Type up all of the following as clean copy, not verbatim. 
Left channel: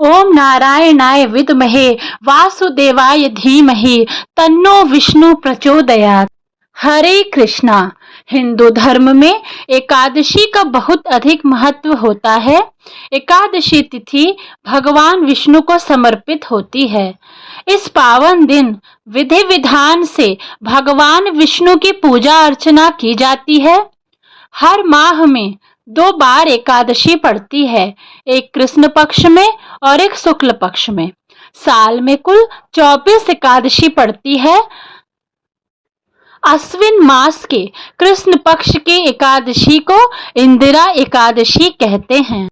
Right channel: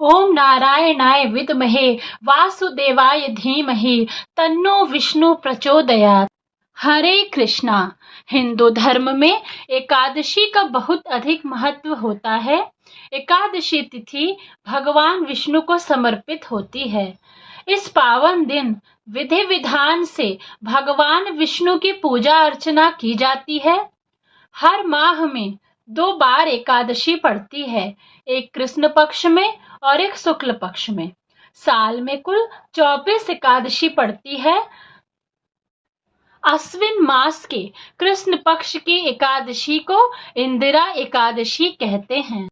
ओम नारायणाय विद्महे वासुदेवाय धीमहि तन्नो विष्णु प्रचोदयात्। हरे कृष्णा। हिंदू धर्म में एकादशी का बहुत अधिक महत्व होता है। एकादशी तिथि भगवान विष्णु को समर्पित होती है। इस पावन दिन विधि विधान से भगवान विष्णु की पूजा अर्चना की जाती है। हर माह में 2 बार एकादशी पड़ती है, एक कृष्ण पक्ष में और एक शुक्ल पक्ष में। साल में कुल 24 एकादशी पड़ती है। अश्विन मास के कृष्ण पक्ष की एकादशी को इंदिरा एकादशी कहते हैं।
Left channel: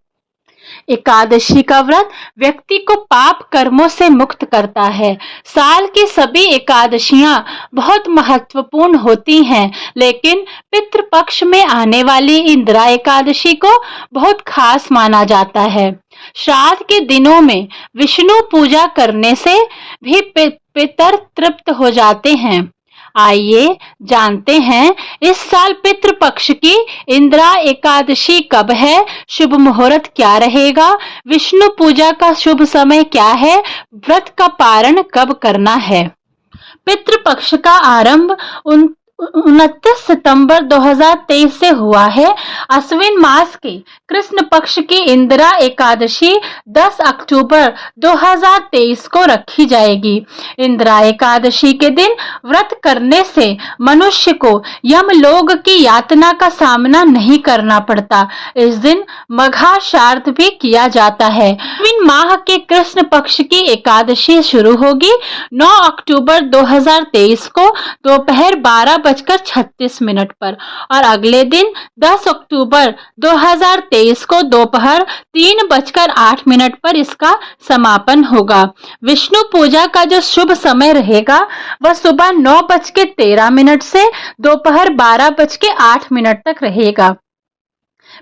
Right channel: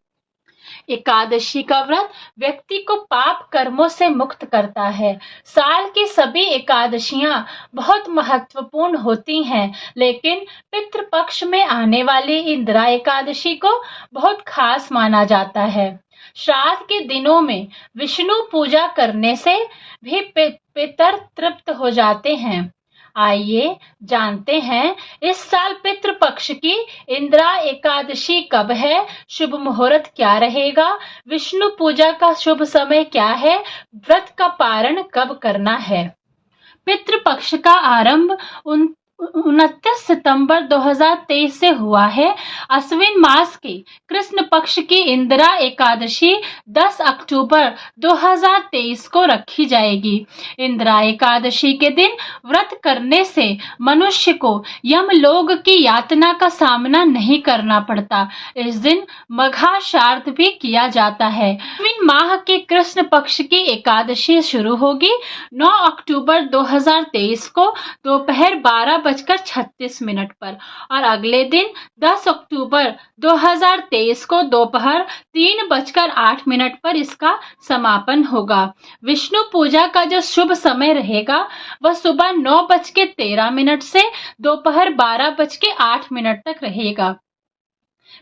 एकादशी का व्रत व्यक्ति को पाप कर्मों से मुक्त करता है। साल की सभी एकादशियां बहुत महत्वपूर्ण होती हैं, लेकिन पितृपक्ष में आने वाली इंदिरा एकादशी को बहुत खास माना जाता है। श्राद्ध के दिनों में विष्णु पूजा करने से भी पितर तृप्त हो जाते हैं। आइए जानते हैं इस साल पितृपक्ष की इंदिरा एकादशी कब है, शुभ मुहूर्त क्या रहेगा, विष्णु पूजा का शुभ समय क्या है, व्रत का पारण कब करना है। पितृपक्ष का आरंभ 29 सितंबर 2023 से हुआ है। अश्विन मास के कृष्ण पक्ष की इंदिरा एकादशी 10 अक्टूबर 2023 को रखी जाएगी। इंदिरा एकादशी के दिन व्रत करने से मनुष्य को यमलोक की यातना का सामना नहीं करना पड़ता। इस दिन मघा श्राद्ध भी किया जाता है। अश्विन माह के कृष्ण पक्ष की एकादशी शुरू होगी 9 अक्टूबर 2023 को दोपहर 12:36 पर और अगले दिन 10 अक्टूबर 2023 को दोपहर 3:08 पर इसका समापन होगा। विष्णु पूजा का जो शुभ समय रहेगा वह सुबह 9:13 से दोपहर 12:08 तक रहेगा।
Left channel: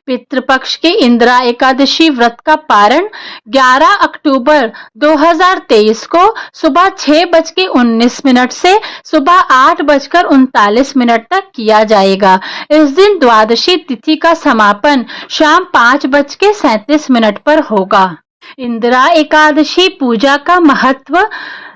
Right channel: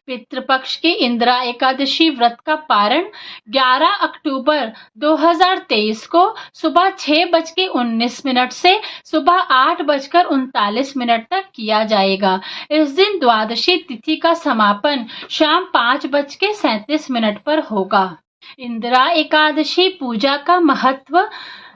पितृपक्ष की इंदिरा एकादशी व्रत का पारण 11 अक्टूबर 2023 को सुबह 6:19 से सुबह 8:39 तक किया जाएगा। इस दिन द्वादशी तिथि का समापन शाम 5:37 पर होगा। इंदिरा एकादशी पूजा का महत्व।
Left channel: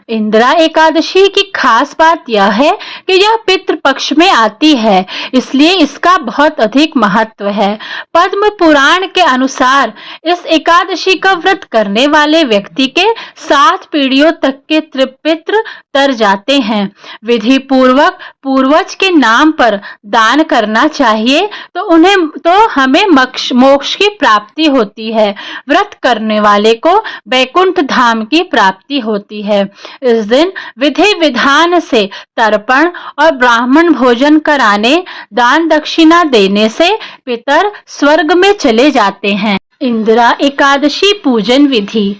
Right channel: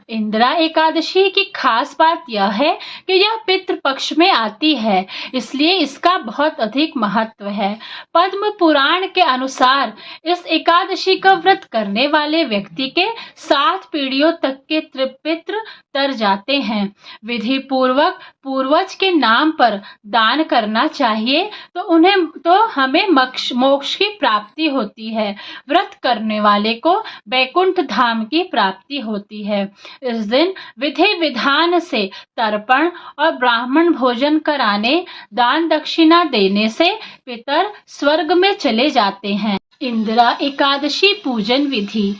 इंदिरा एकादशी की खास बात यह है कि यह पितृपक्ष में आती है, इसलिए इसका बहुत अधिक महत्व है। पद्म पुराण के अनुसार इस एकादशी का व्रत करने वाले व्यक्ति के 7 पीढ़ियों तक के पितृ तर जाते हैं। विधि पूर्वक पूर्वज के नाम पर दान करना चाहिए तो हमें मोक्ष की प्राप्ति होती है। व्रत करने वाले को वैकुंठ धाम की प्राप्ति होती है। इस दिन विधि विधान से तर्पण और ब्राह्मण भोजन कराने, दान दक्षिणा देने से पितर स्वर्ग में चले जाते हैं। इंदिरा एकादशी पूजन विधि।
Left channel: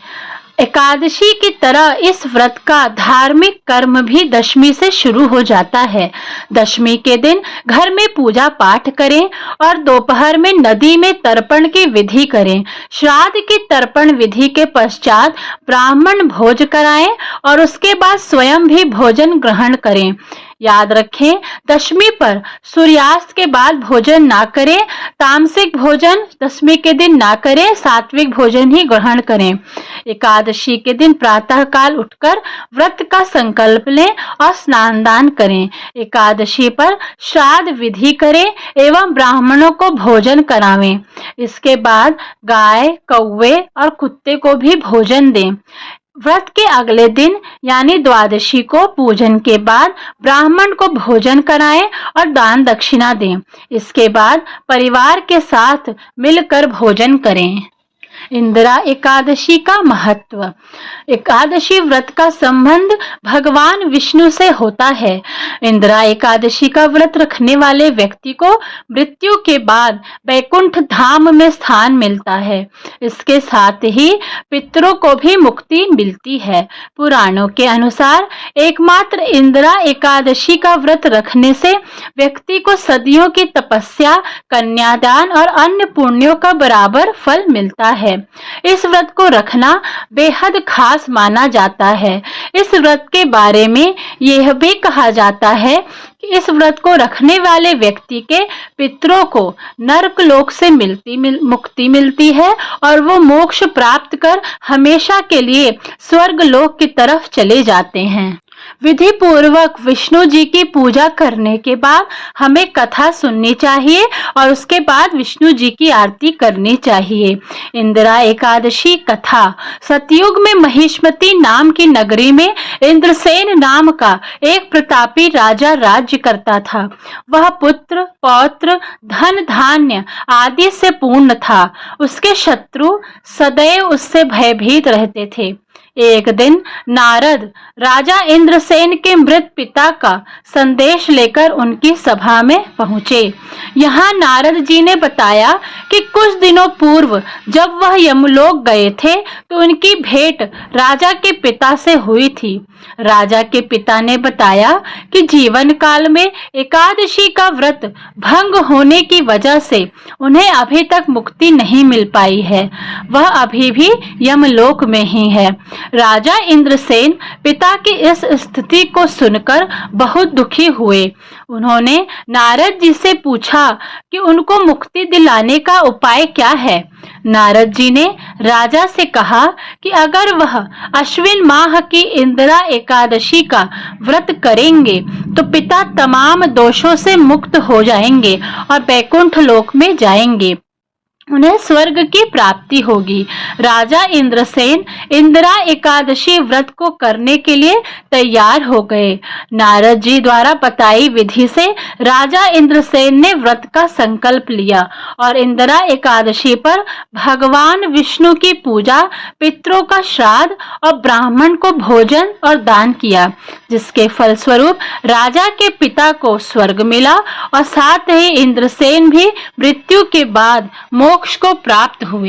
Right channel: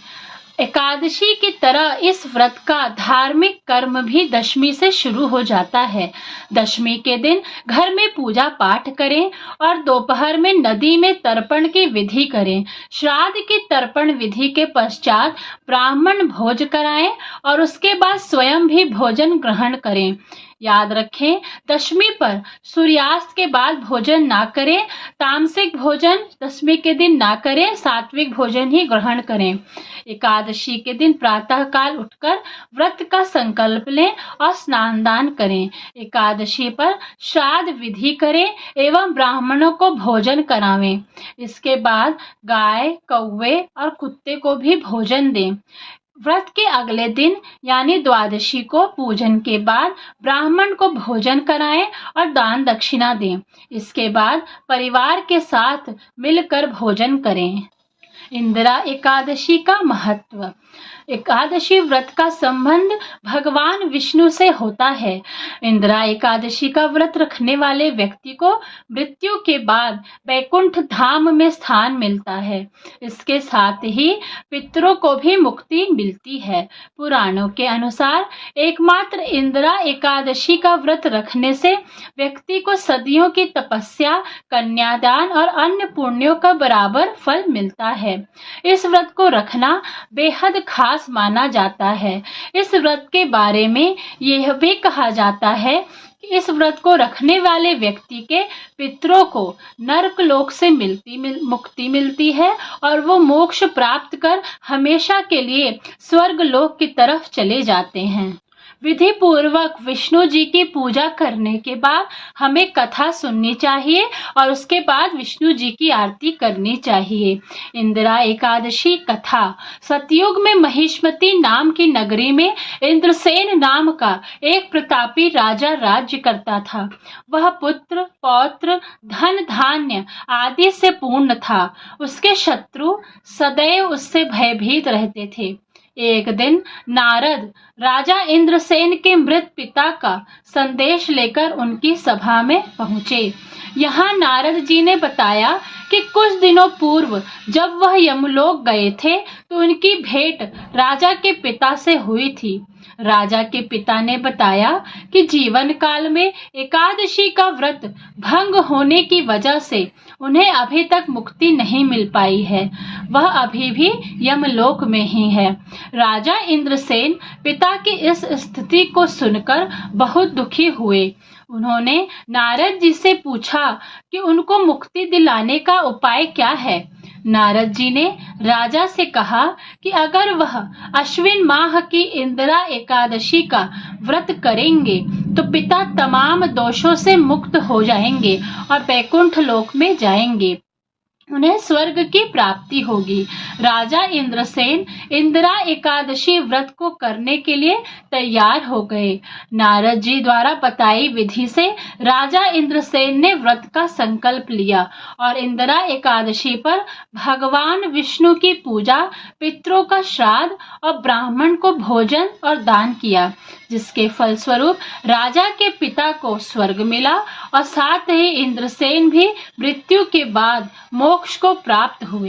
एकादशी की तरह इस व्रत का धार्मिक कर्म भी दशमी से शुरू हो जाता है। दशमी के दिन घर में पूजा पाठ करें और दोपहर में नदी में तर्पण की विधि करें। श्राद्ध की तर्पण विधि के पश्चात ब्राह्मण भोज कराएं और उसके बाद स्वयं भी भोजन ग्रहण करें। याद रखें, दशमी पर सूर्यास्त के बाद भोजन ना करें। तामसिक भोजन दशमी के दिन ना करें, सात्विक भोजन ही ग्रहण करें। एकादशी के दिन प्रातः काल उठकर व्रत का संकल्प लें और स्नान दान करें। एकादशी पर श्राद्ध विधि करें एवं ब्राह्मणों को भोजन करावें। इसके बाद गाय, कौवे और कुत्ते को भी भोजन दें। व्रत के अगले दिन यानी द्वादशी को पूजन के बाद ब्राह्मण को भोजन कराएं और दान दक्षिणा दें। इसके बाद परिवार के साथ मिलकर भोजन करें। इंदिरा एकादशी का महत्व। एकादशी व्रत का संबंध भगवान विष्णु से होता है। इंदिरा एकादशी का व्रत रखने वाले व्यक्ति को मृत्यु के बाद वैकुंठ धाम में स्थान मिलता है। इसके साथ ही पितरों को भी मुक्ति मिलती है। पुराणों के अनुसार एकमात्र इंदिरा एकादशी का व्रत रखने से व्यक्ति को सदियों की तपस्या, कन्यादान और अन्य पुण्यों का बराबर फल मिलता है। इस व्रत को रखना बेहद खास माना जाता है। इस व्रत के बारे में यह भी कहा जाता है कि इस व्रत को रखने वाले व्यक्ति के पितरों को नरक लोक से मुक्ति मिलती है और वो मोक्ष प्राप्त कर हमेशा के लिए स्वर्ग लोक की तरफ चले जाते हैं। विधि पूर्वक विष्णु जी की पूजा करने के बाद हमें कथा सुननी चाहिए और उसके बाद विष्णु जी की आरती करनी चाहिए। इंदिरा एकादशी कथा। सतयुग में महिष्मती नाम की नगरी में इंद्रसेन नाम का एक प्रतापी राजा राज्य करता था। वह पुत्र पौत्र धन धान्य आदि से पूर्ण था। उसके शत्रु सदैव उससे भयभीत रहते थे। एक दिन नारद राजा इंद्रसेन के मृत पिता का संदेश लेकर उनकी सभा में पहुंचे। यहाँ नारद जी ने बताया कि कुछ दिनों पूर्व जब वह यमलोक गए थे तो उनकी भेंट राजा के पिता से हुई थी। राजा के पिता ने बताया कि जीवन काल में एकादशी का व्रत भंग होने की वजह से उन्हें अभी तक मुक्ति नहीं मिल पाई है। वह अभी भी यमलोक में ही है। राजा इंद्रसेन पिता की इस स्थिति को सुनकर बहुत दुखी हुए। उन्होंने नारद जी से पूछा कि उनको मुक्ति दिलाने का उपाय क्या है। नारद जी ने राजा से कहा कि अगर वह अश्विन माह की इंदिरा एकादशी का व्रत करेंगे तो पिता तमाम दोषों से मुक्त हो जाएंगे और बैकुंठ लोक में जाएंगे। उन्हें स्वर्ग की प्राप्ति होगी। राजा इंद्रसेन इंदिरा एकादशी व्रत को करने के लिए तैयार हो गए। नारद जी द्वारा बताई विधि से राजा इंद्रसेन ने व्रत का संकल्प लिया और इंदिरा एकादशी पर भगवान विष्णु की पूजा, पितरों का श्राद्ध और ब्राह्मण को भोजन और दान किया, जिसके फलस्वरूप राजा के पिता को स्वर्ग मिला और साथ ही इंद्रसेन भी मृत्यु के बाद मोक्ष को प्राप्त हुए।